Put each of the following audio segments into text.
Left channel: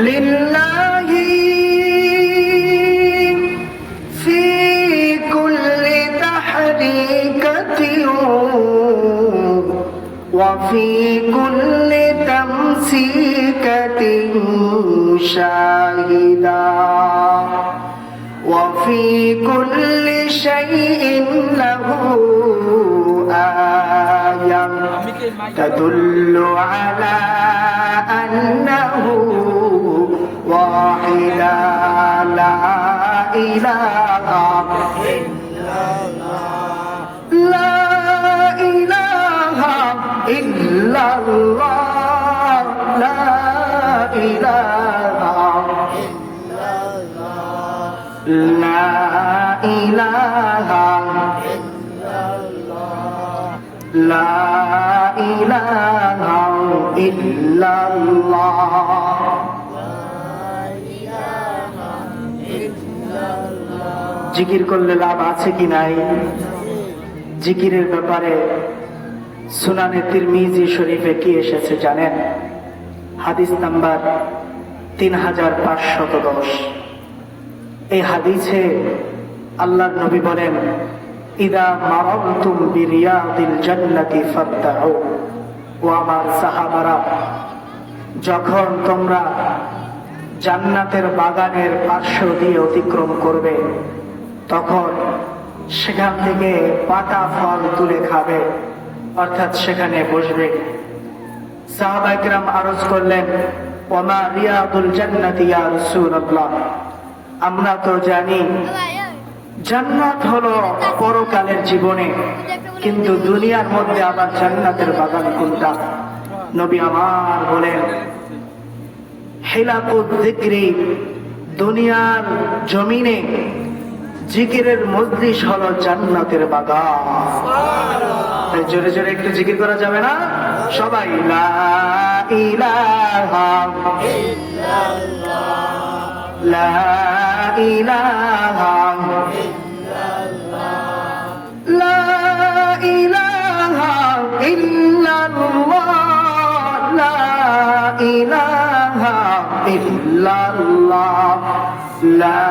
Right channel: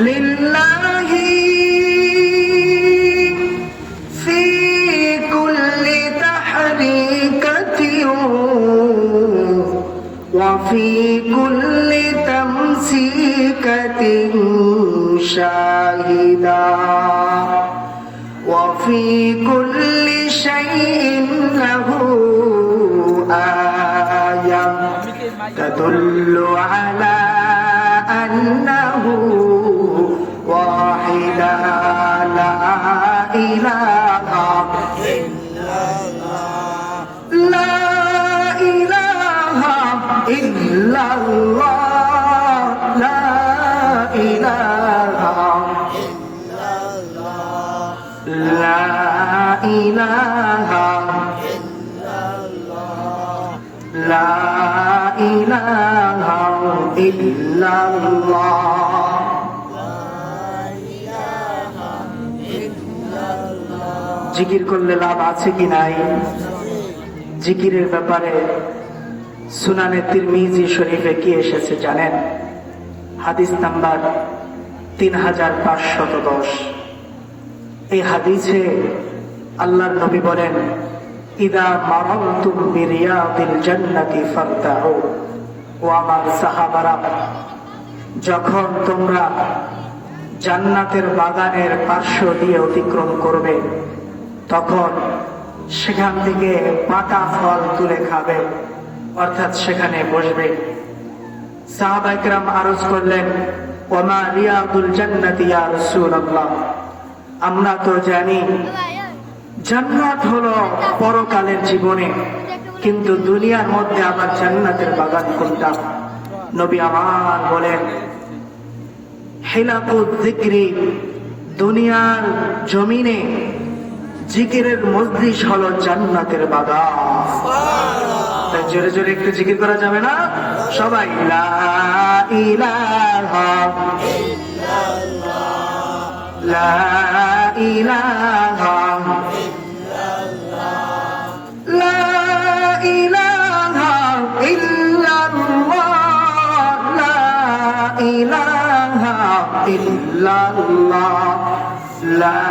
لله في كل تحريكة وفي كل تمسيكة شاهدا وفي كل شيء له آية. تدل على أنه لا إله لا إله إلا الله জিকির করলে লাভ আছে কি নাই জিকিরের ব্যাপারে সুনানে তিরমিজি শরীফে কি এসেছে জানেন হাদিস নাম্বার তিন হাজার পাঁচশত দশ এই হাদিসে আল্লাহর নবী বলেন, ইদা মারাতুম বিরিয়াদিল জান্নাতি ফাবতাউ ও আমার যখন তোমরা জান্নাতের বাগানের পার্শ্ব দিয়ে অতিক্রম করবে, তখন সেখান থেকে পাকা ফল তুলে খাবে, অর্থাৎ সেখানে বসবে। সাহাবাইকরাম আরজ করলেন, ওমা রিয়াদুল জান্নাতি ইয়া রাসূলুল্লাহ। আমরা তো জানি, জান্নাত হলো পরকালের জীবনে, কিন্তু দুনিয়ার মধ্যে আমার জান্নাতের বাগান কোনটা? নবী আমার বলেন, হেলাকুদ জিক্রি দুনিয়ার জমিনে জিকিরের মজলিস হলো জান্নাতের বাগান। জোরে জোরে একটু জিকির করা যাবে না? সবাই, লা ইলাহা লা ইল্লাল্লাহ লা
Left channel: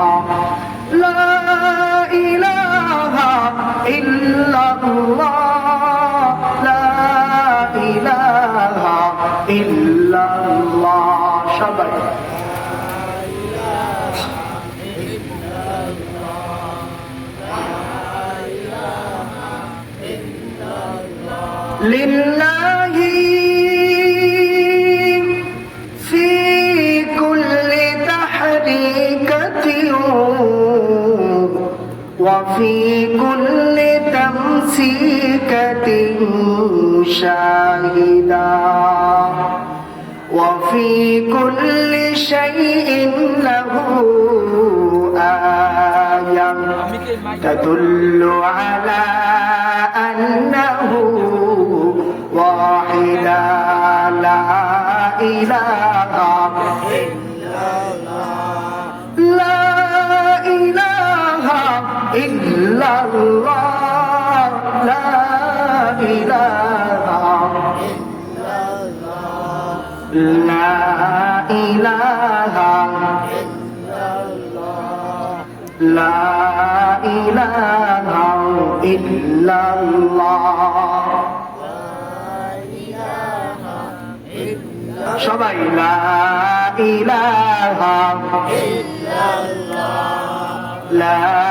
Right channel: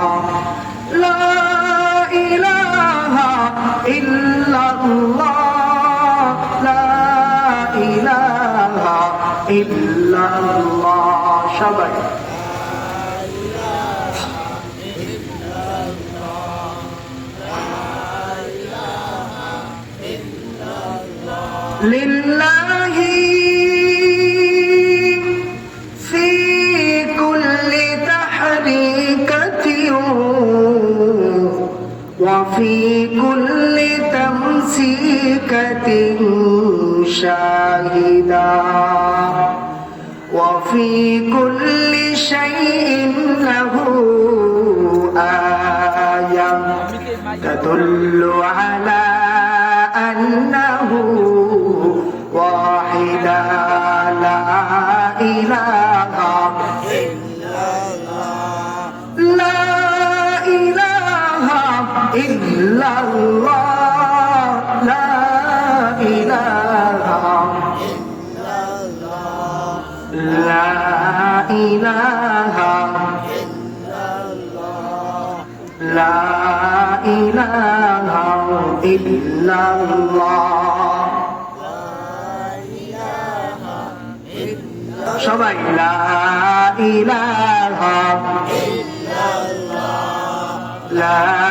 لله في كل تحريكة وفي كل تمسيكة شاهدا وفي كل شيء له آية تدل على illallah la ilaha la ilaha la ilaha illallah সবাই লা ইলাহা ইল্লাল্লাহ লা